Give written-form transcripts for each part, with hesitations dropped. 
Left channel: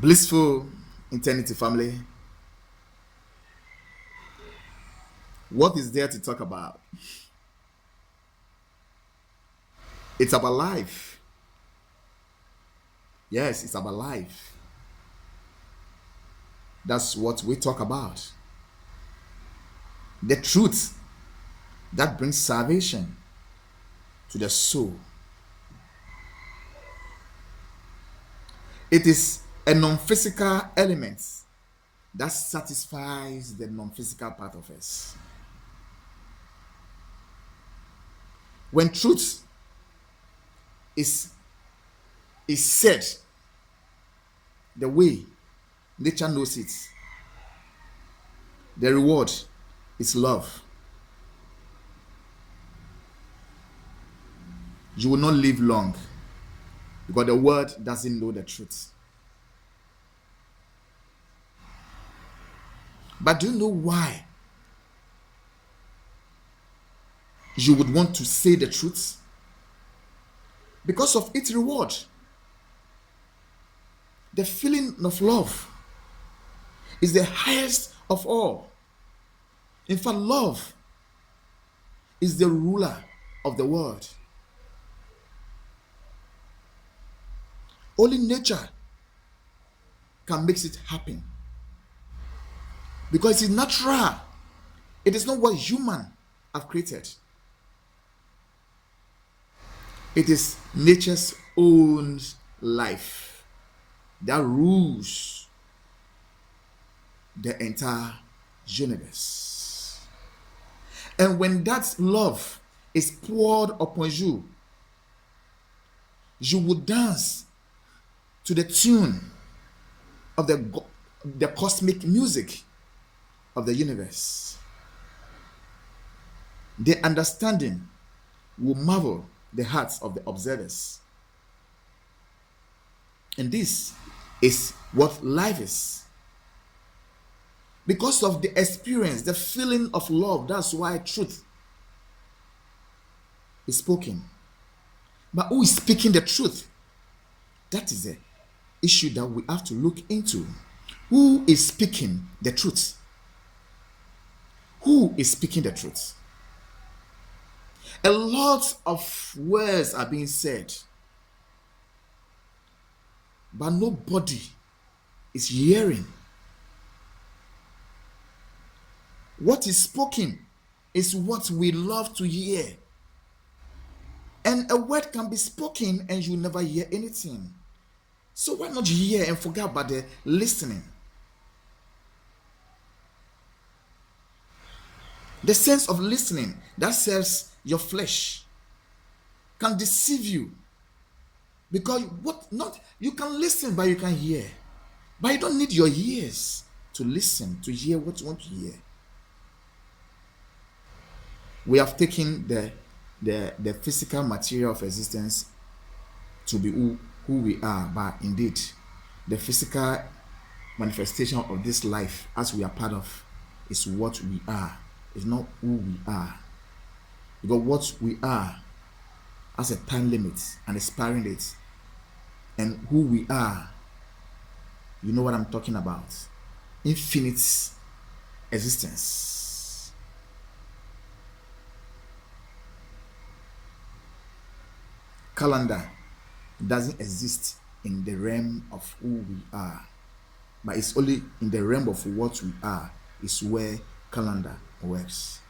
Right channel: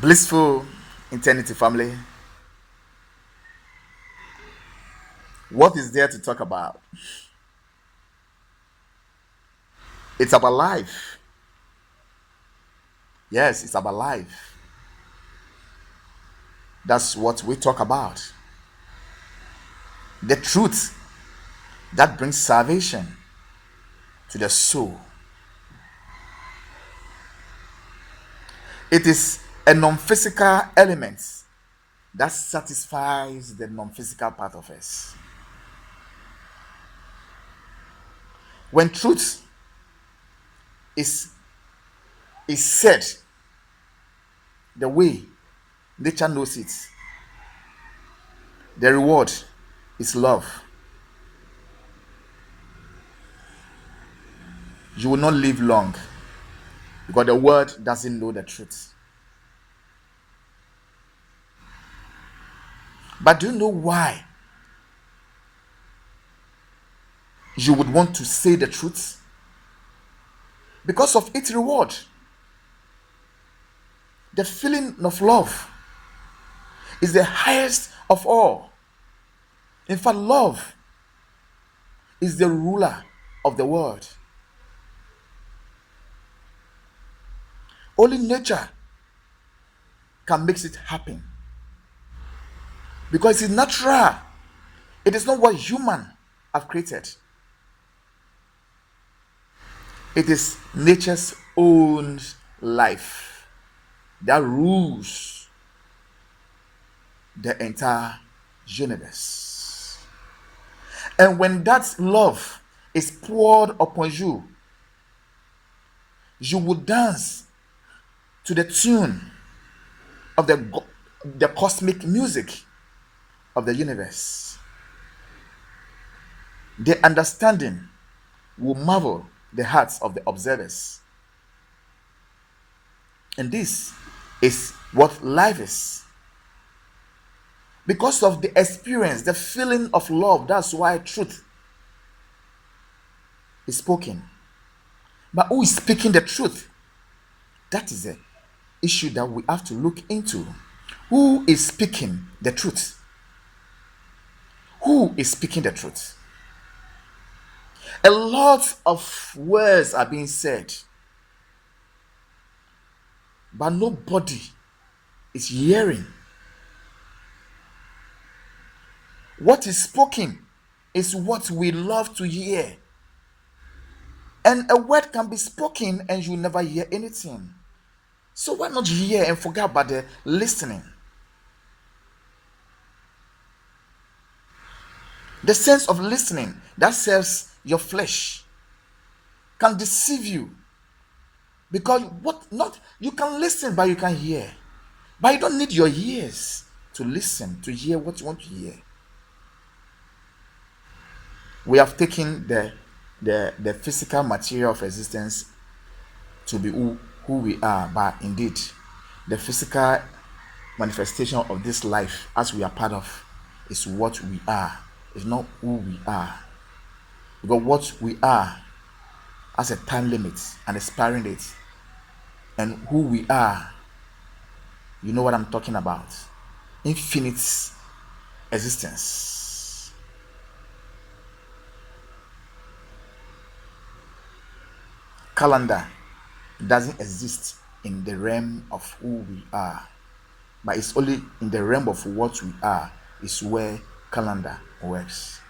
Blissful eternity family. What is there to talk about? It's about life. Yes, it's about life. That's what we talk about. The truth that brings salvation to the soul. It is a non physical element that satisfies the non physical part of us. When truth is, is said the way nature knows it, the reward is love. You will not live long because the world doesn't know the truth. But do you know why you would want to say the truth? Because of its reward. The feeling of love is the highest of all. In fact, love is the ruler of the world. Only nature can make it happen because it's natural. It is not what human have created. It is nature's own life that rules the entire universe. And when that love is poured upon you, you will dance to the tune of the cosmic music of the universe. The understanding will marvel the hearts of the observers. And this is what life is. Because of the experience, the feeling of love, that's why truth is spoken. But who is speaking the truth? That is the issue that we have to look into. Who is speaking the truth? Who is speaking the truth? A lot of words are being said, but nobody is hearing. What is spoken is what we love to hear. And a word can be spoken and you never hear anything. So why not hear and forget about the listening? The sense of listening that serves your flesh can deceive you. Because you can listen but you can't hear. But you don't need your ears to listen, to hear what you want to hear. We have taken the physical material of existence to be who we are, but indeed the physical manifestation of this life as we are part of is what we are. It's not who we are. Because what we are has a time limit, an expiring date. And who we are, you know what I'm talking about. Infinite existence. Calendar doesn't exist in the realm of who we are, but it's only in the realm of what we are is where calendar works.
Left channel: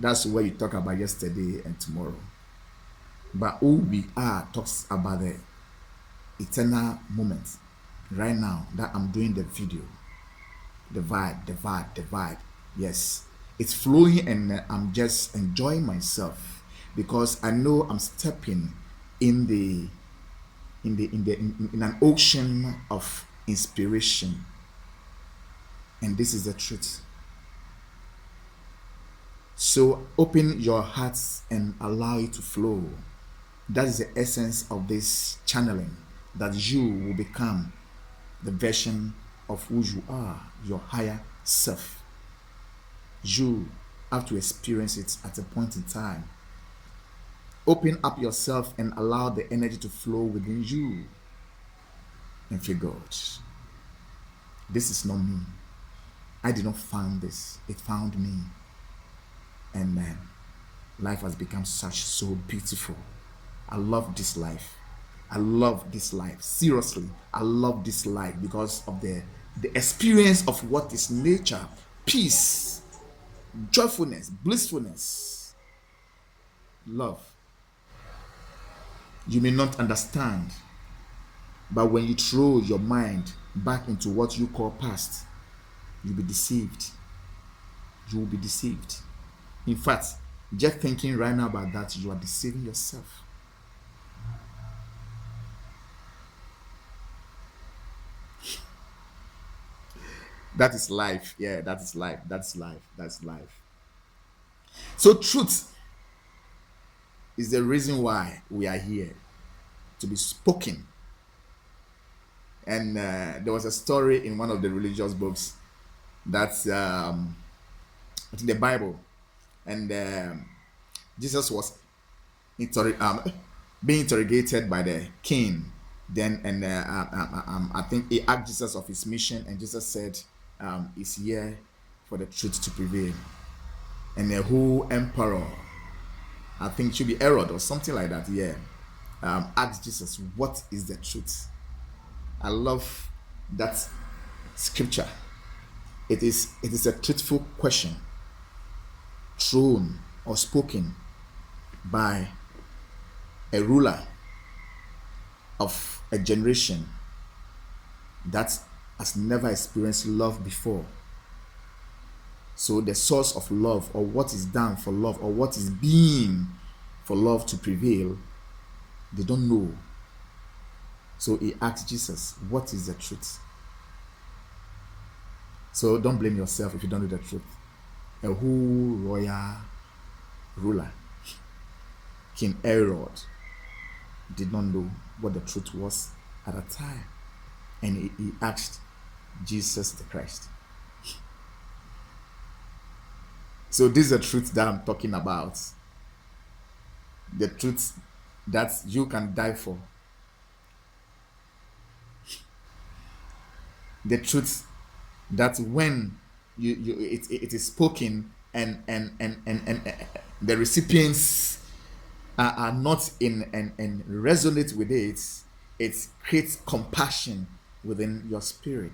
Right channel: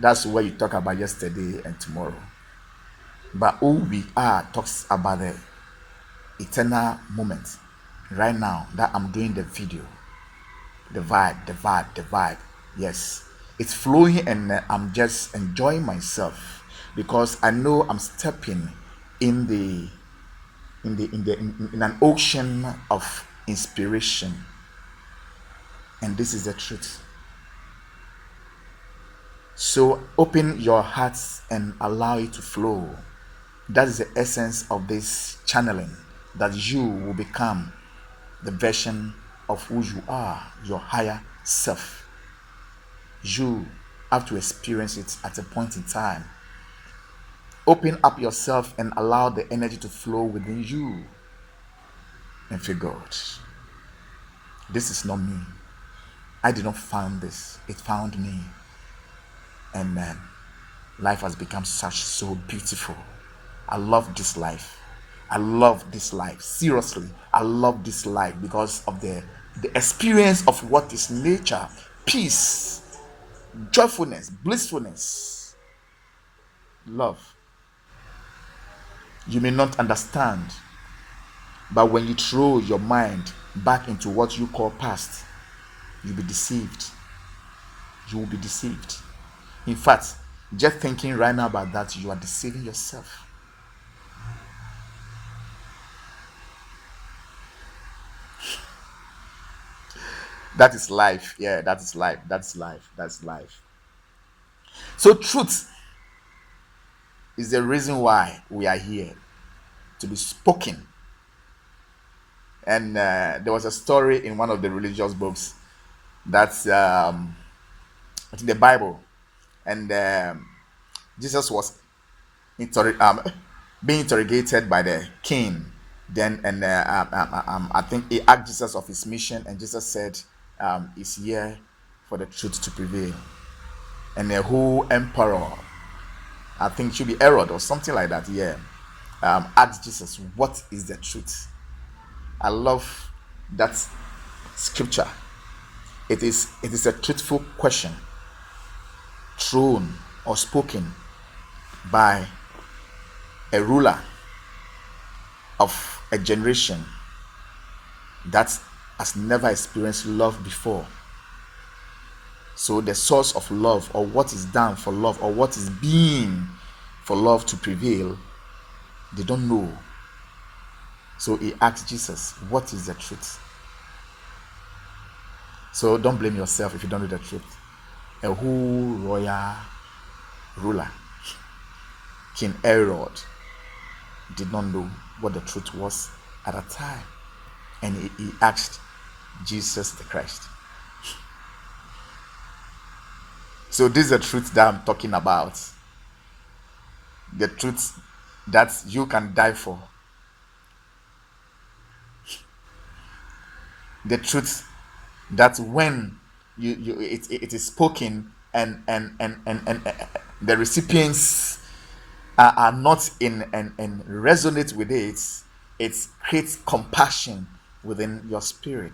That's where you talk about yesterday and tomorrow. But who we are talks about the eternal moment. Right now that I'm doing the video, the vibe. Yes, it's flowing and I'm just enjoying myself because I know I'm stepping in an ocean of inspiration. And this is the truth. So open your hearts and allow it to flow. That is the essence of this channeling, that you will become the version of who you are, your higher self. You have to experience it at a point in time. Open up yourself and allow the energy to flow within you. and fear God. This is not me. I did not find this. It found me. And life has become so beautiful. I love this life. I love this life. Seriously, I love this life because of the experience of what is nature, peace, joyfulness, blissfulness, love. You may not understand, but when you throw your mind back into what you call past, you'll be deceived. You will be deceived. In fact, just thinking right now about that, you are deceiving yourself. That is life. Yeah, that is life. That's life. That's life. So, truth is the reason why we are here, to be spoken. And there was a story in one of the religious books that's in the Bible, and Jesus was being interrogated by the king. Then, and I think he asked Jesus of his mission, and Jesus said, "Is here for the truth to prevail." And the whole emperor, I think it should be Herod or something like that, yeah, asked Jesus, "What is the truth?" I love that scripture. It is a truthful question thrown or spoken by a ruler of a generation that has never experienced love before. So the source of love, or what is done for love, or what is being for love to prevail, they don't know. So he asked Jesus, "What is the truth?" So don't blame yourself if you don't know the truth. A whole royal ruler, King Herod, did not know what the truth was at a time. And he asked Jesus the Christ. So this is the truth that I'm talking about. The truth that you can die for. The truth that when it is spoken, and the recipients are not in and resonate with it, it creates compassion within your spirit.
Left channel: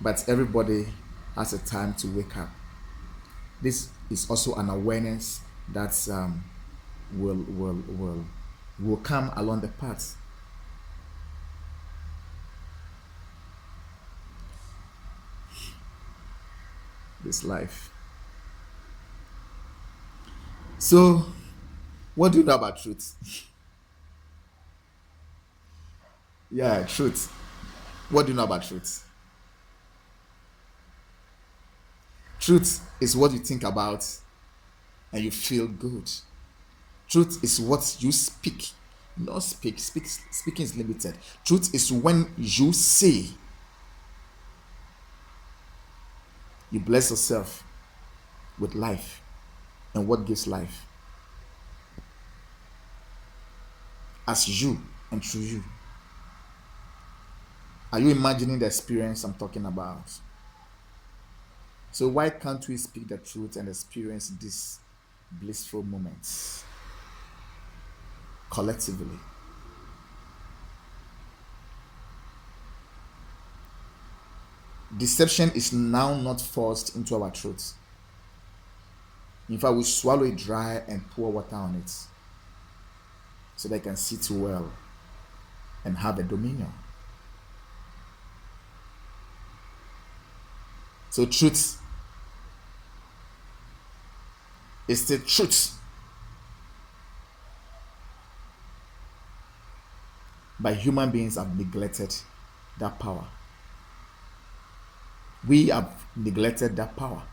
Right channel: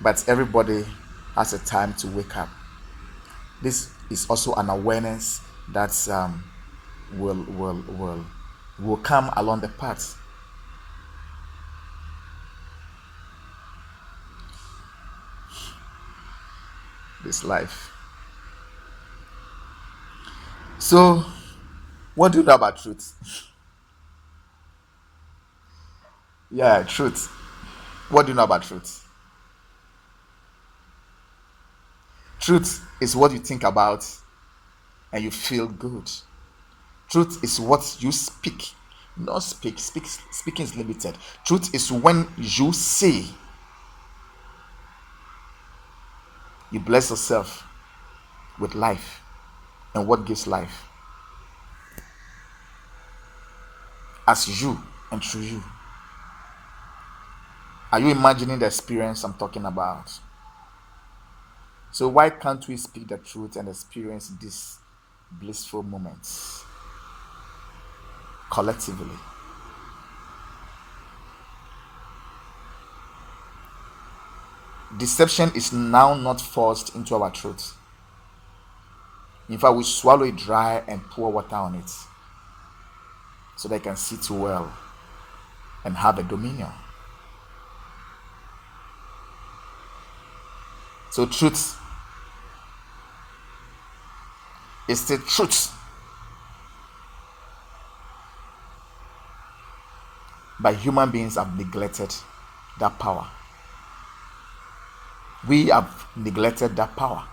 But everybody has a time to wake up. This is also an awareness that will come along the path. This life. So, what do you know about truth? Yeah, truth. What do you know about truth? Truth is what you think about and you feel good. Truth is what you speak. Not speak. Speaking is limited. Truth is when you say, you bless yourself with life. And what gives life? As you and through you. Are you imagining the experience I'm talking about? So why can't we speak the truth and experience these blissful moments collectively? Deception is now not forced into our truth. In fact, we swallow it dry and pour water on it so they can see too well and have a dominion. So truth is the truth. But human beings have neglected that power. We have neglected that power.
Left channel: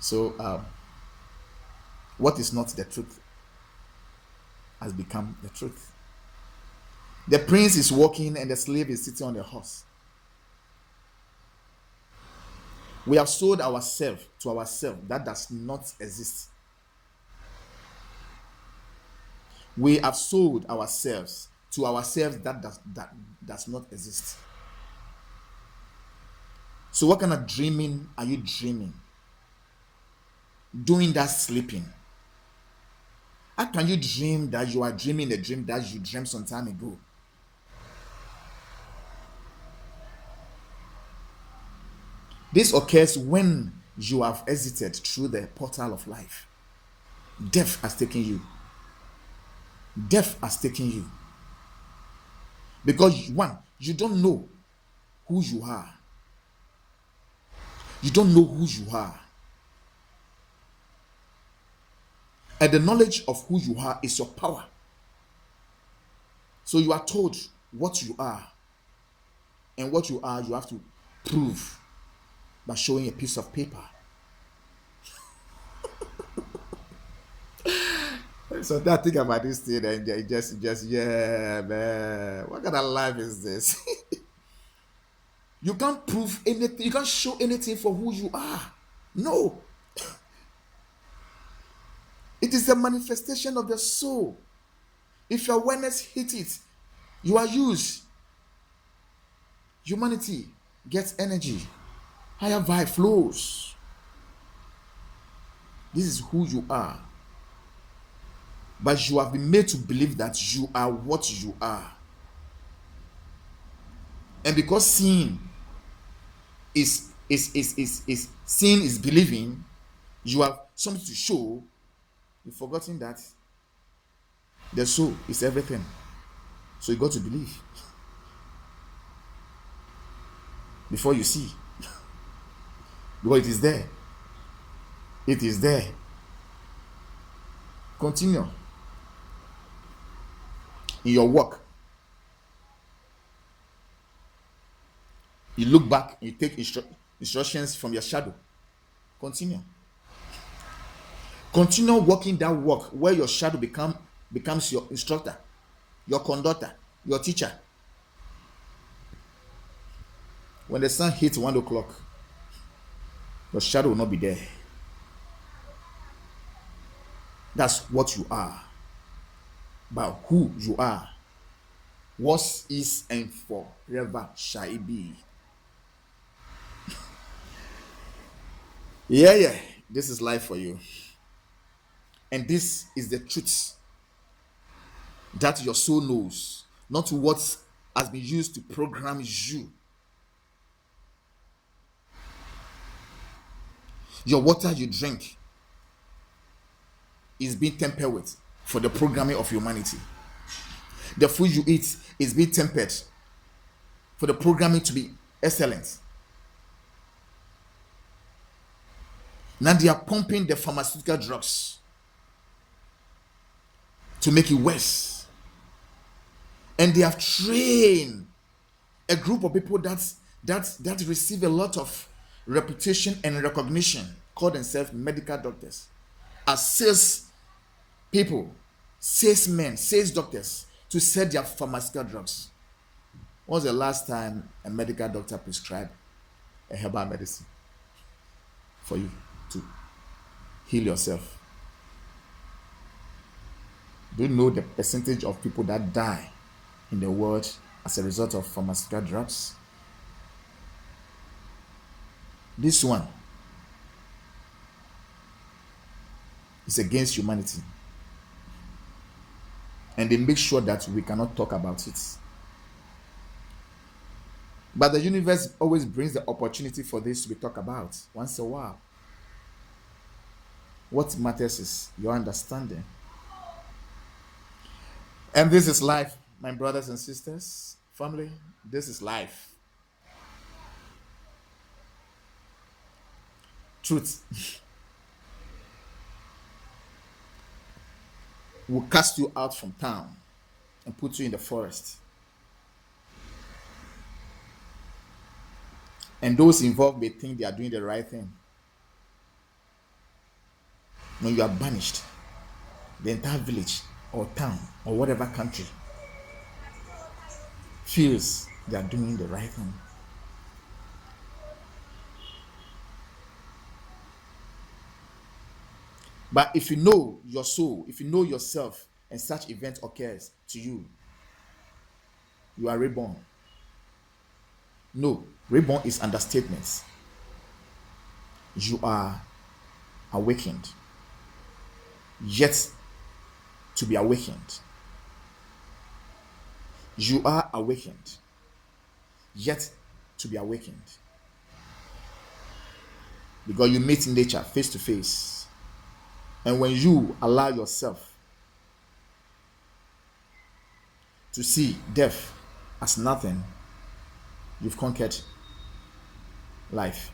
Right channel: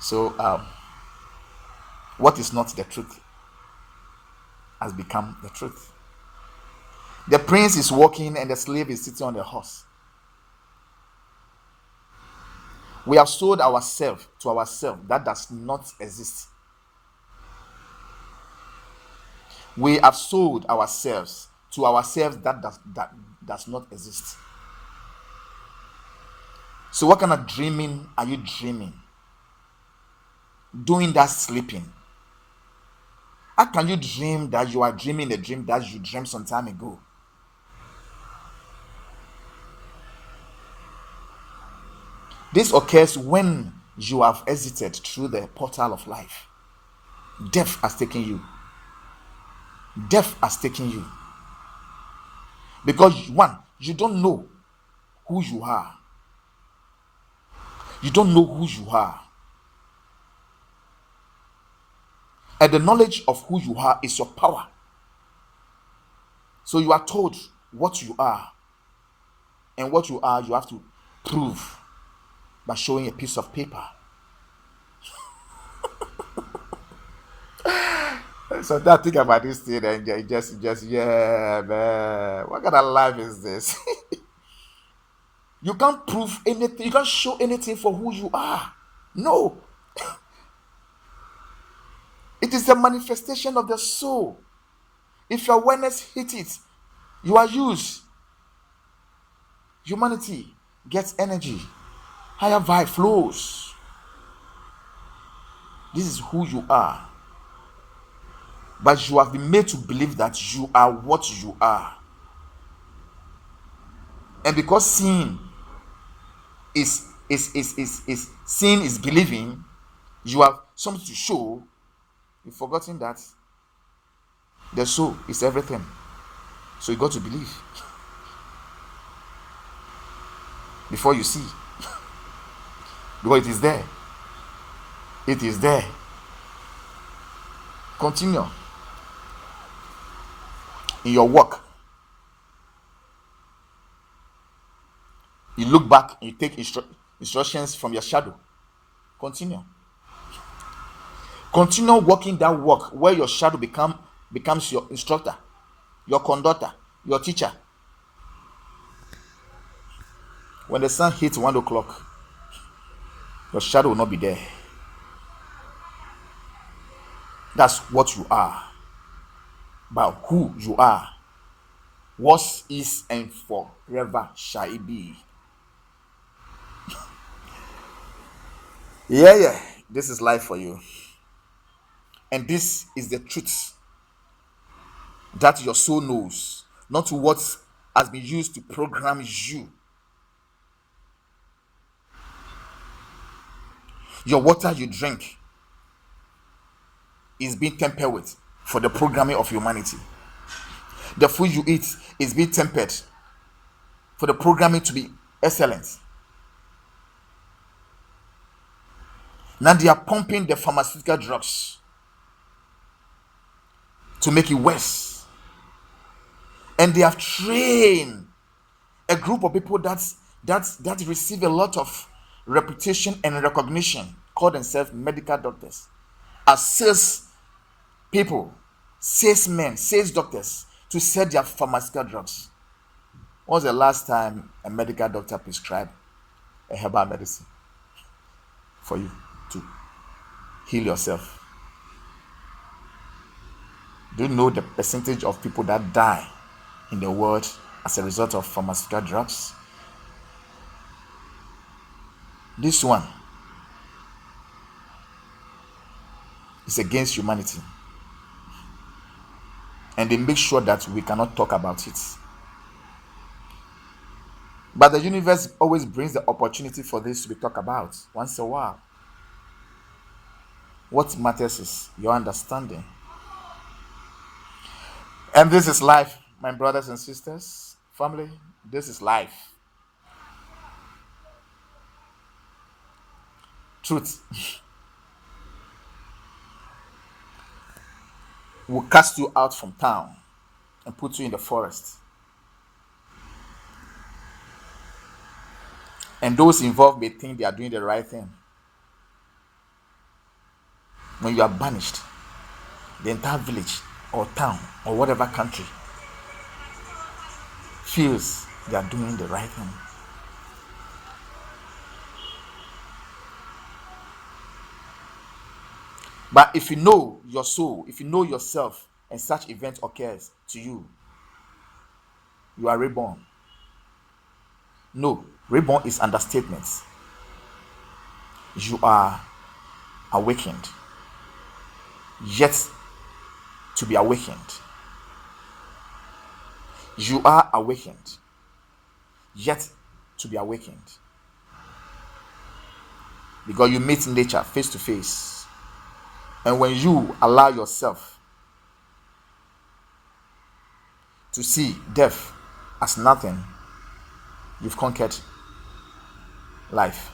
So what is not the truth has become the truth. The prince is walking and the slave is sitting on the horse. We have sold ourselves to ourselves. That does not exist. We have sold ourselves to ourselves that does not exist. So what kind of dreaming are you dreaming? Doing that sleeping. How can you dream that you are dreaming a dream that you dreamed some time ago? This occurs when you have exited through the portal of life. Death has taken you. Death has taken you. Because one, you don't know who you are. You don't know who you are. And the knowledge of who you are is your power. So you are told what you are. And what you are, you have to prove by showing a piece of paper. So that think about this thing and just yeah, man. What kind of life is this? You can't prove anything, you can't show anything for who you are. No. It is a manifestation of the soul. If your awareness hits it, you are used. Humanity gets energy. Higher vibe flows. This is who you are. But you have been made to believe that you are what you are. And because seeing is seeing is believing, you have something to show. You've forgotten that the soul is everything. So you got to believe before you see. Because it is there. It is there. Continue in your work. You look back, you take instructions from your shadow. Continue. Continue working that work where your shadow becomes your instructor, your conductor, your teacher. When the sun hits 1 o'clock, your shadow will not be there. That's what you are. But who you are, was, is, and forever shall it be. Yeah. This is life for you. And this is the truth that your soul knows, not what has been used to program you. Your water you drink is being tempered with for the programming of humanity. The food you eat is being tempered for the programming to be excellent. Now they are pumping the pharmaceutical drugs to make it worse. And they have trained a group of people that receive a lot of reputation and recognition, call themselves medical doctors, as sales people, salesmen, sales doctors, to sell their pharmaceutical drugs. When was the last time a medical doctor prescribed a herbal medicine for you to heal yourself? Do you know the percentage of people that die in the world as a result of pharmaceutical drugs? This one is against humanity. And they make sure that we cannot talk about it. But the universe always brings the opportunity for this to be talked about once in a while. What matters is your understanding. And this is life, my brothers and sisters, family. This is life. Truth will cast you out from town and put you in the forest. And those involved may think they are doing the right thing. When you are banished, the entire village or town or whatever country feels they are doing the right thing. But if you know your soul, if you know yourself, and such event occurs to you, you are reborn. No, reborn is understatement. You are awakened, yet to be awakened. You are awakened, yet to be awakened. Because you meet nature face to face. And when you allow yourself to see death as nothing, you've conquered life.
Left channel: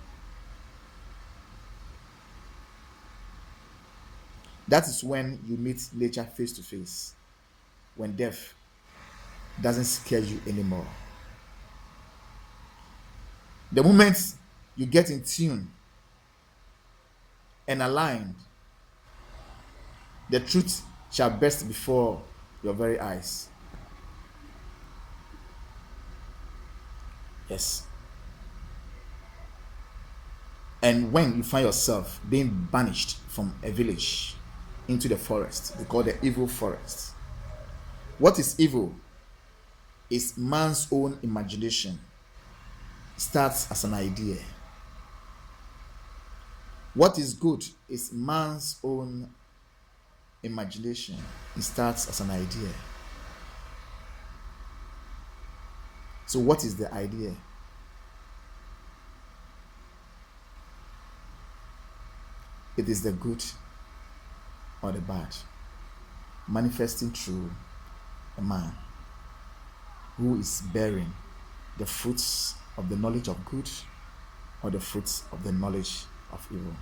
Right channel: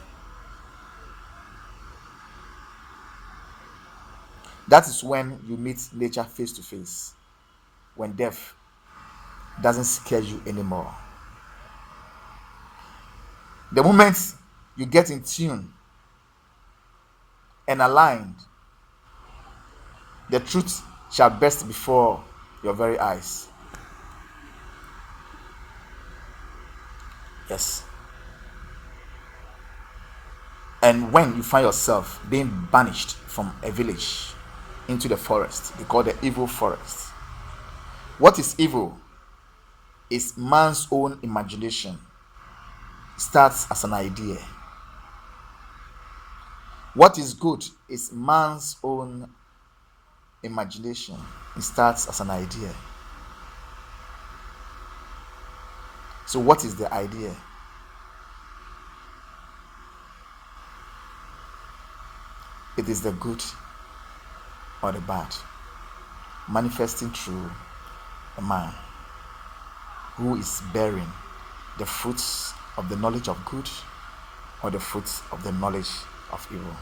That is when you meet nature face to face, when death doesn't scare you anymore. The moment you get in tune and aligned, the truth shall burst before your very eyes. Yes. And when you find yourself being banished from a village into the forest, they call the evil forest. What is evil is man's own imagination. It starts as an idea. What is good is man's own imagination. It starts as an idea. So what is the idea? It is the good or the bad manifesting through a man who is bearing the fruits of the knowledge of good or the fruits of the knowledge of evil.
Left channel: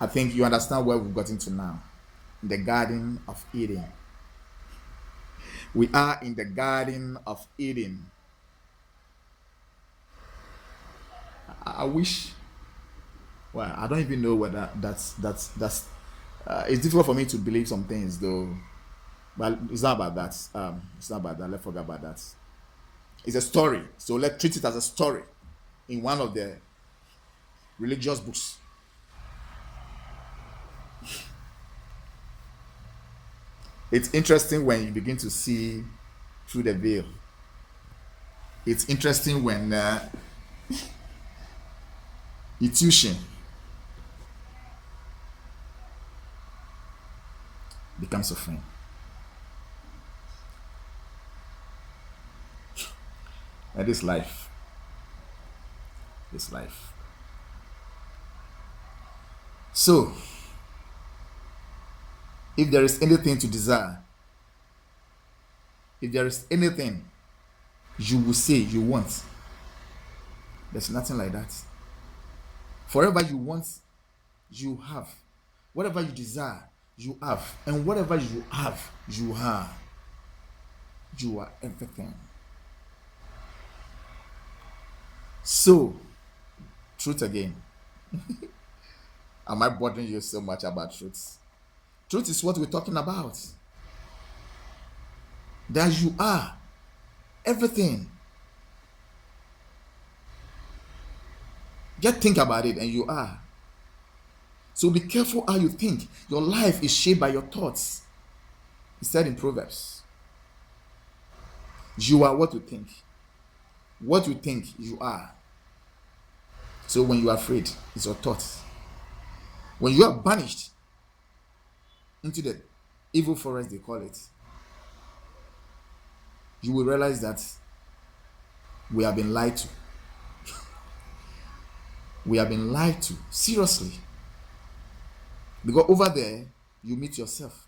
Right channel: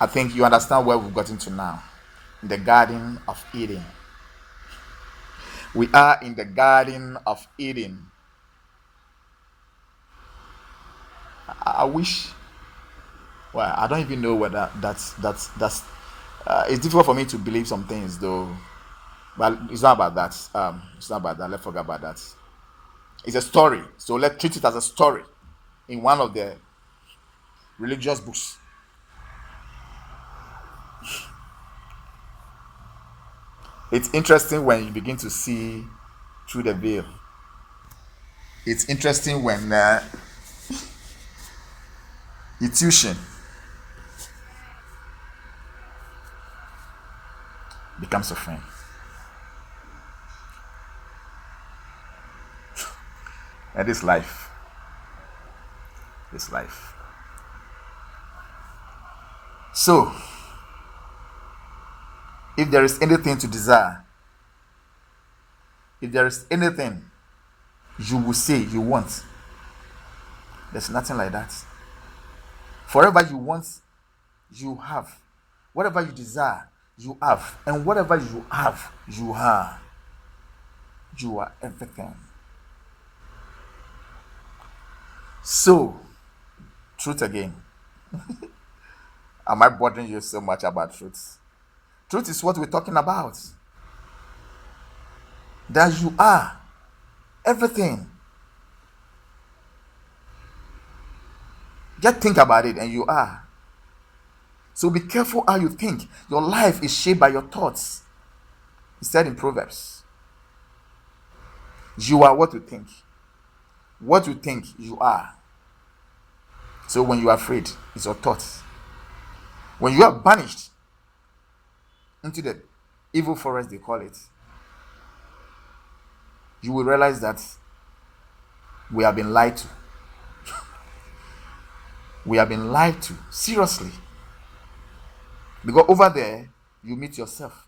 I think you understand where we've gotten to now. In the Garden of Eden. We are in the Garden of Eden. I wish. Well, I don't even know whether that's. It's difficult for me to believe some things, though. But it's not about that. It's not about that. Let's forget about that. It's a story, so let's treat it as a story in one of the religious books. It's interesting when you begin to see through the veil. It's interesting when intuition becomes a friend. And this life. So, if there is anything to desire, if there is anything you will say you want, there's nothing like that. Forever you want, you have. Whatever you desire, you have. And whatever you have, you are. You are everything. So, truth again. Am I bothering you so much about truth? Truth is what we're talking about. That you are everything. Just think about it and you are. So be careful how you think. Your life is shaped by your thoughts. It's said in Proverbs. You are what you think. What you think, you are. So when you are afraid, it's your thoughts. When you are banished into the evil forest, they call it, you will realize that we have been lied to. We have been lied to. Seriously. Because over there, you meet yourself.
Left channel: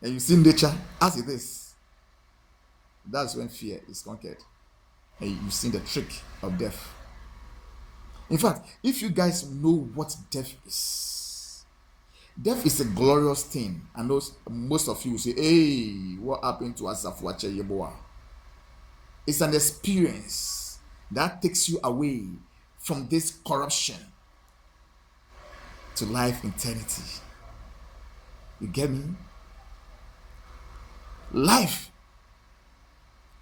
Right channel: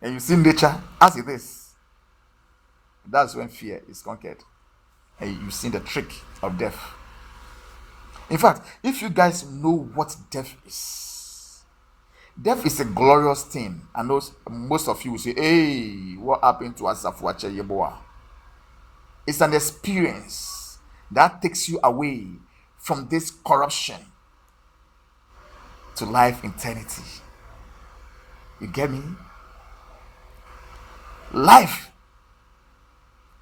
And you see nature as it is. That's when fear is conquered. And you see the trick of death. In fact, if you guys know what death is a glorious thing. I know most of you will say, hey, what happened to Asafuache Yeboah? It's an experience that takes you away from this corruption to life eternity. You get me? Life,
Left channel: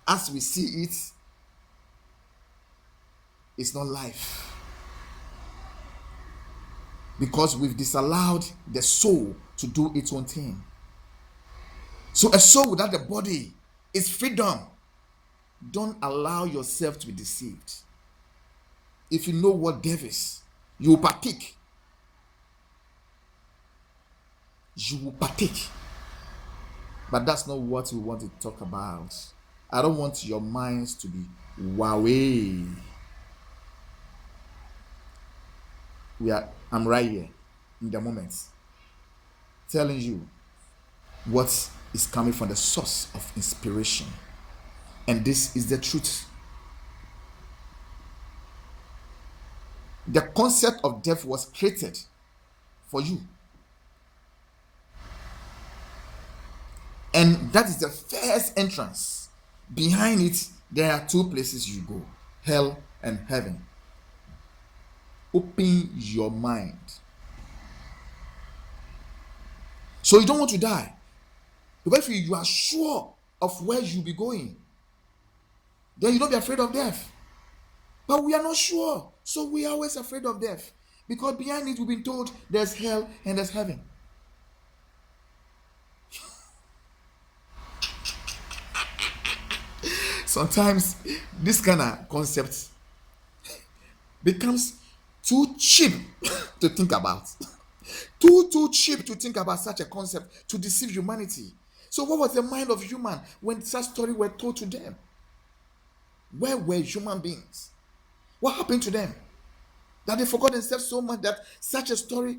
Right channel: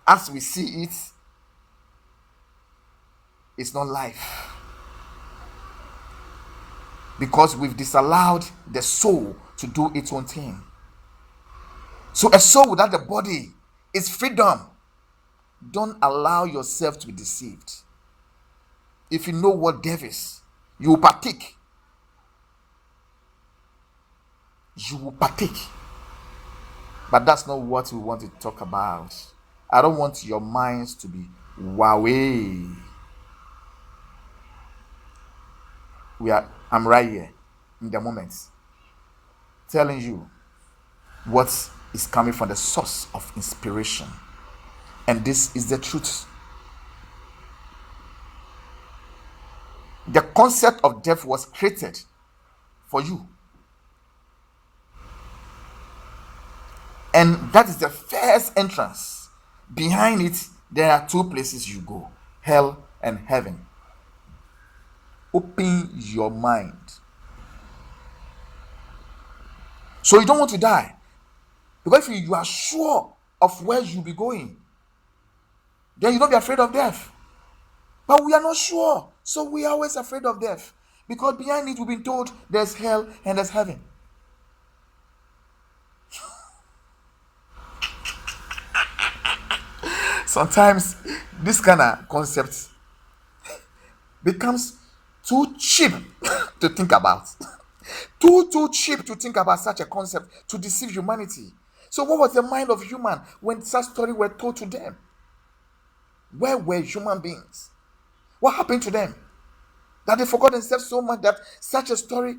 as we see it, is not life. because we've disallowed the soul to do its own thing. So a soul without the body is freedom. Don't allow yourself to be deceived. If you know what death is, you will partake. You will partake. But that's not what we want to talk about. I don't want your minds to be wowee. I'm right here in the moment telling you what is coming from the source of inspiration. And this is the truth. The concept of death was created for you. And that is the first entrance. Behind it, there are two places you go: hell and heaven. Open your mind. So you don't want to die. Because if you are sure of where you'll be going, then you don't be afraid of death. But we are not sure. So we are always afraid of death. Because behind it, we've been told there's hell and there's heaven. Sometimes this kind of concept becomes too cheap to think about. Too cheap to think about such a concept to deceive humanity. So what was the mind of human when such stories were told to them? Where were human beings? What happened to them? That they forgot themselves so much that such a story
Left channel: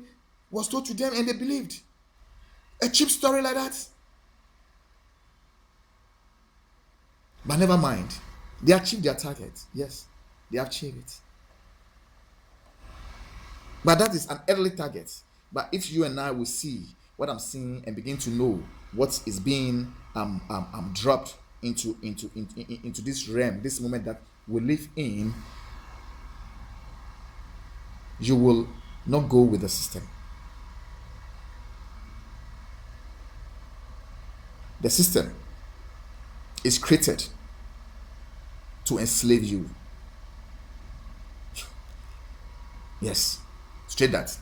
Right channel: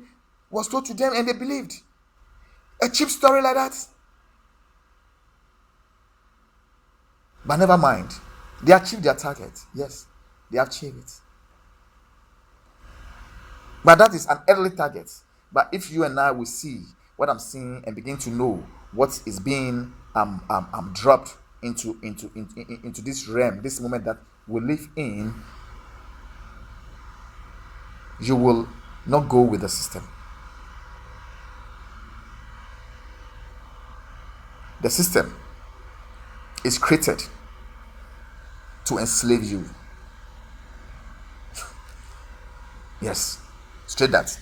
was told to them and they believed. A cheap story like that. But never mind. They achieved their target. Yes, they achieved it. But that is an early target. But if you and I will see what I'm seeing and begin to know what is being dropped into this realm, this moment that we live in, you will not go with the system. The system is created to enslave you. Yes, straight that.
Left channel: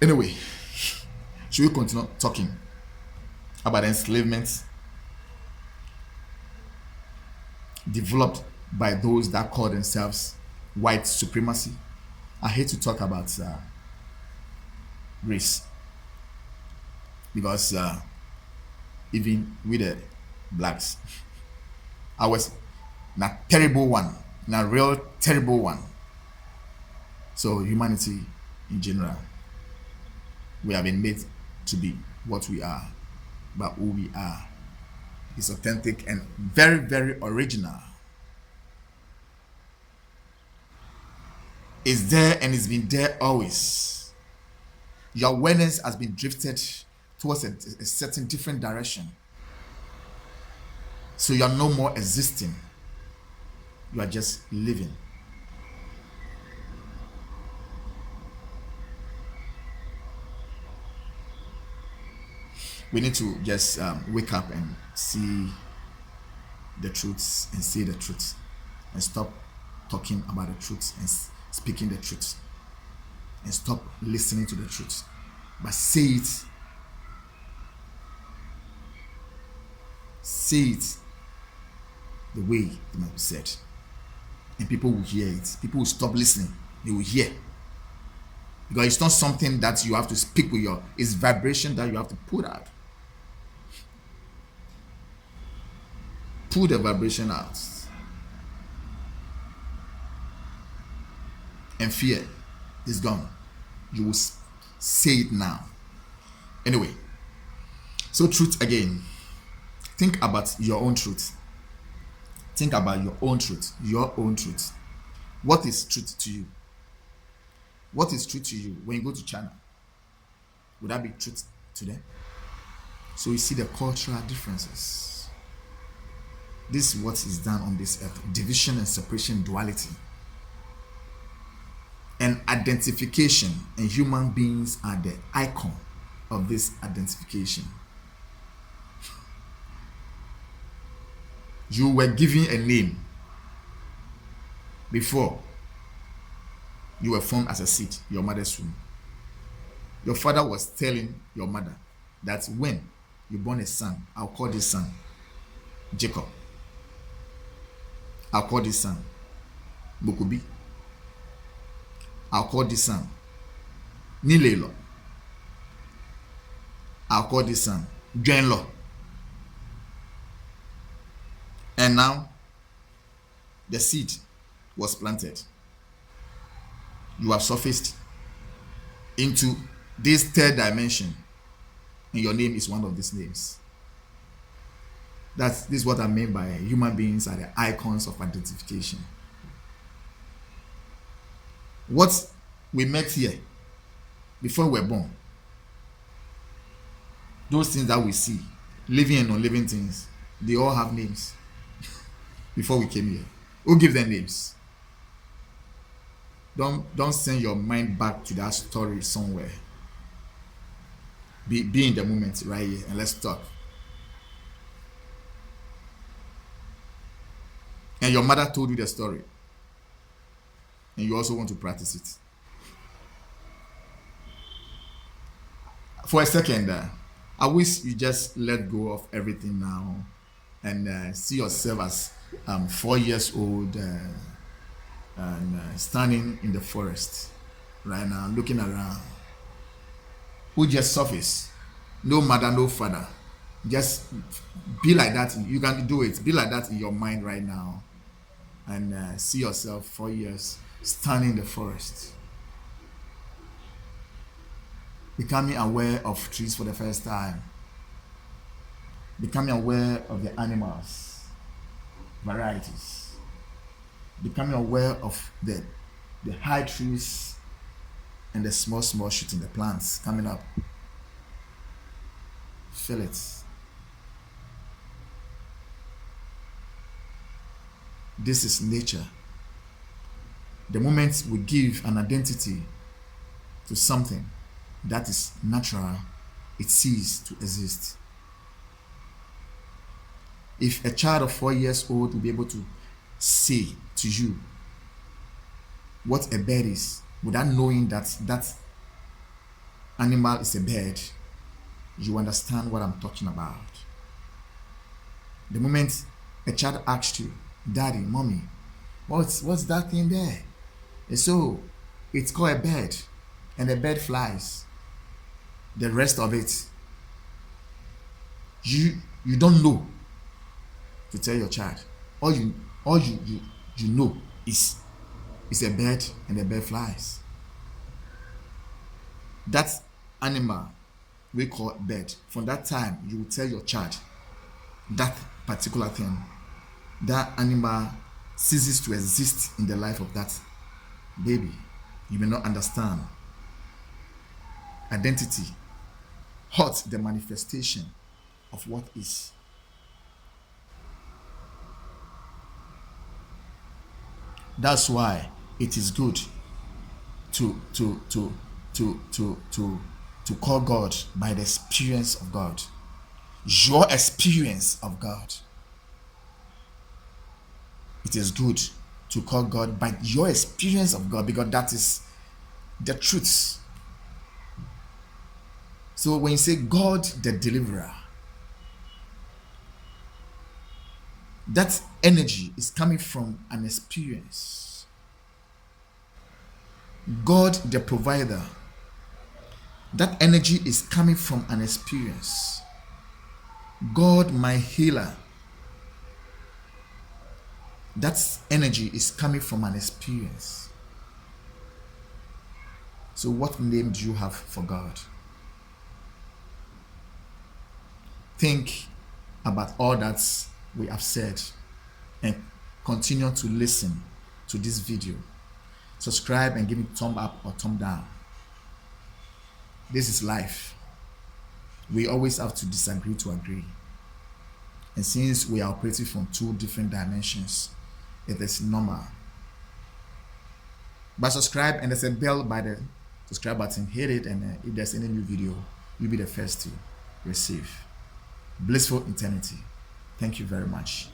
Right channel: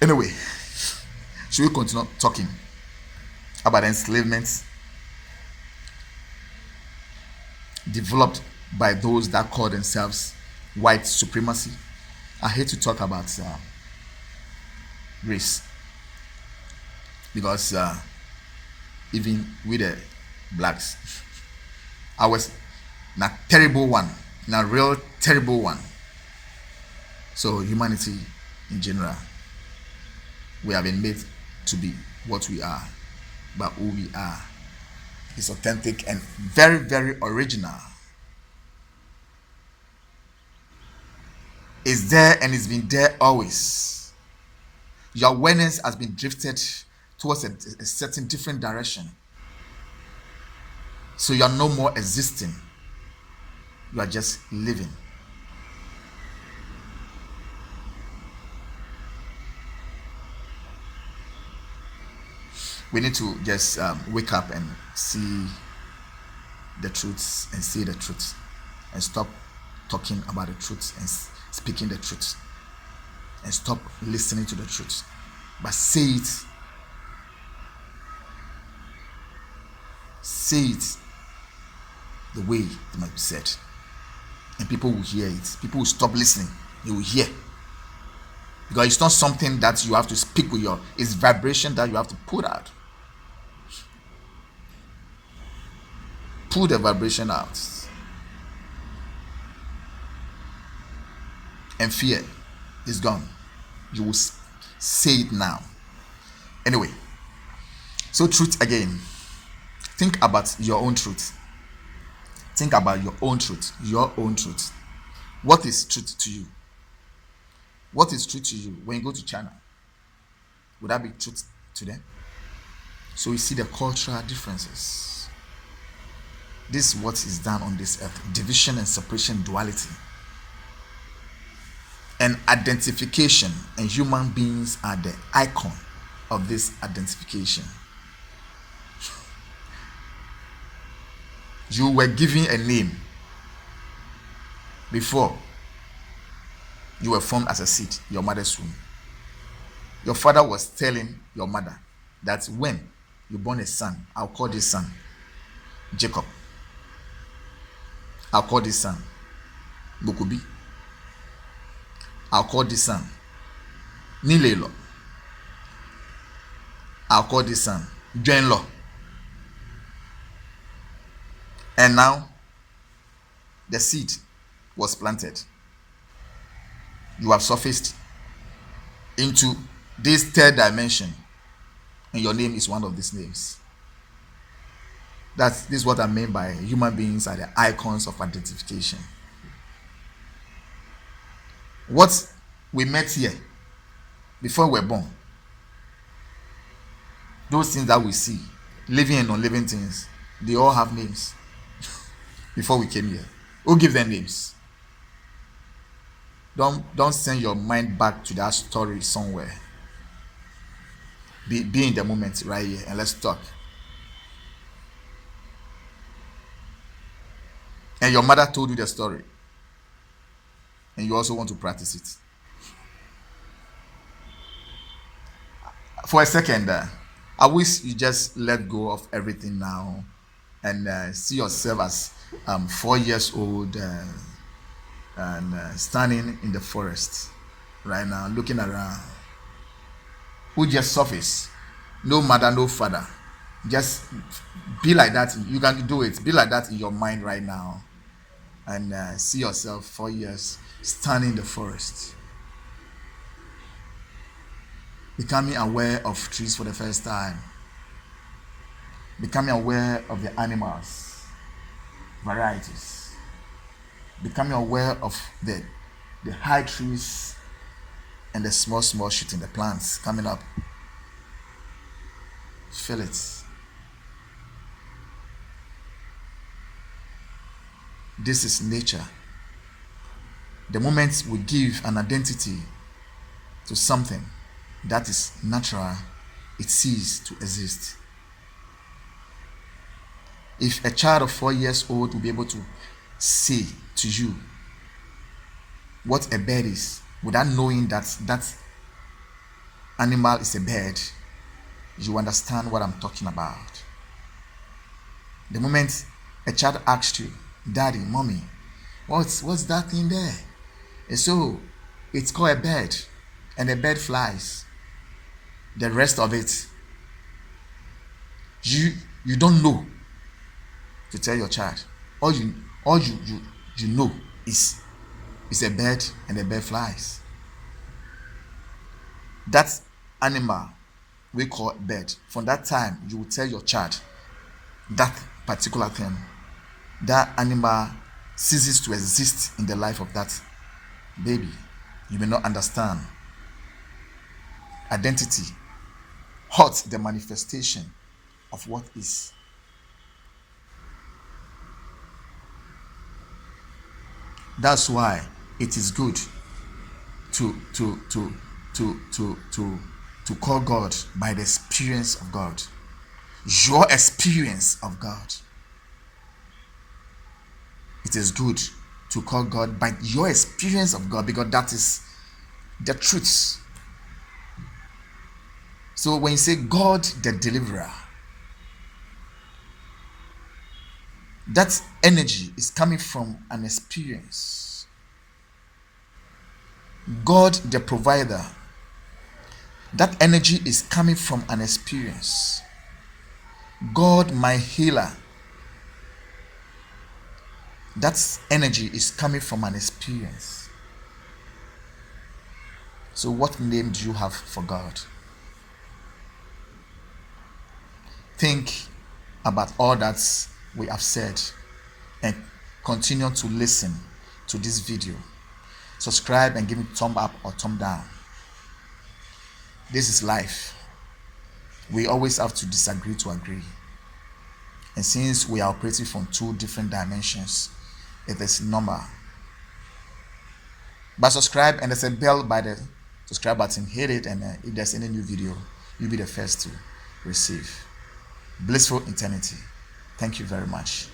Anyway, should we continue talking about enslavement developed by those that call themselves white supremacy? I hate to talk about race because even with the blacks, I was in a terrible one, in a real terrible one. So humanity in general, we have been made to be what we are, but who we are is authentic and very, very original. It's there and it's been there always. Your awareness has been drifted towards a certain different direction. So you are no more existing. You are just living. We need to just wake up and see the truths and say the truth and stop talking about the truth and speaking the truth and stop listening to the truth, but say it. Say it the way it must be said, and people will hear it. People will stop listening. They will hear, because it's not something that you have to speak with it's vibration that you have to put out. Put the vibration out, and fear is gone. You will say it now. Anyway, so truth again. Think about your own truth. Think about your own truth. Your own truth. What is truth to you? What is truth to you when you go to China? Would that be truth to them? So you see the cultural differences. This is what is done on this earth. Division and separation, duality. And identification. And human beings are the icon of this identification. You were given a name before. You were formed as a seed, your mother's womb. Your father was telling your mother that when you born a son, I'll call this son Jacob. I'll call this son Bokubi. I'll call this son Nilelo. I'll call this son Dwenlo. And now the seed was planted. You have surfaced into this third dimension, and your name is one of these names. This is what I mean by human beings are the icons of identification. What we met here before we were born, those things that we see, living and non-living things, they all have names. Before we came here, who give them names? Don't send your mind back to that story somewhere. Be in the moment right here and let's talk. And your mother told you the story, and you also want to practice it. For a second, I wish you just let go of everything now and see yourself as 4 years old and standing in the forest right now, looking around. Who just surface? No mother, no father. Just be like that. You can do it. Be like that in your mind right now, and see yourself 4 years standing in the forest, becoming aware of trees for the first time, becoming aware of the animals, varieties, becoming aware of the high trees and the small shoots in the plants coming up. Feel it. This is nature. The moment we give an identity to something that is natural, it ceases to exist. If a child of 4 years old will be able to say to you what a bird is without knowing that that animal is a bird, you understand what I'm talking about. The moment a child asks you, Daddy, Mommy, what's that thing there? And so it's called a bird, and the bird flies. The rest of it, you don't know to tell your child. All you know is a bird, and the bird flies. That animal we call bird. From that time, you will tell your child that particular thing. That animal ceases to exist in the life of that baby. You may not understand. Identity hurts the manifestation of what is. That's why it is good to call God by the experience of God. Your experience of God. It is good to call God by your experience of God, because that is the truth. So when you say God the deliverer, that energy is coming from an experience. God the provider, that energy is coming from an experience. God my healer, that energy is coming from an experience. So what name do you have for God? Think about all that we have said and continue to listen to this video. Subscribe and give me thumb up or thumb down. This is life. We always have to disagree to agree. And since we are operating from 2 different dimensions, it is normal. But subscribe, and there's a bell by the subscribe button. Hit it, and if there's any new video, you'll be the first to receive. Blissful eternity. Thank you very much.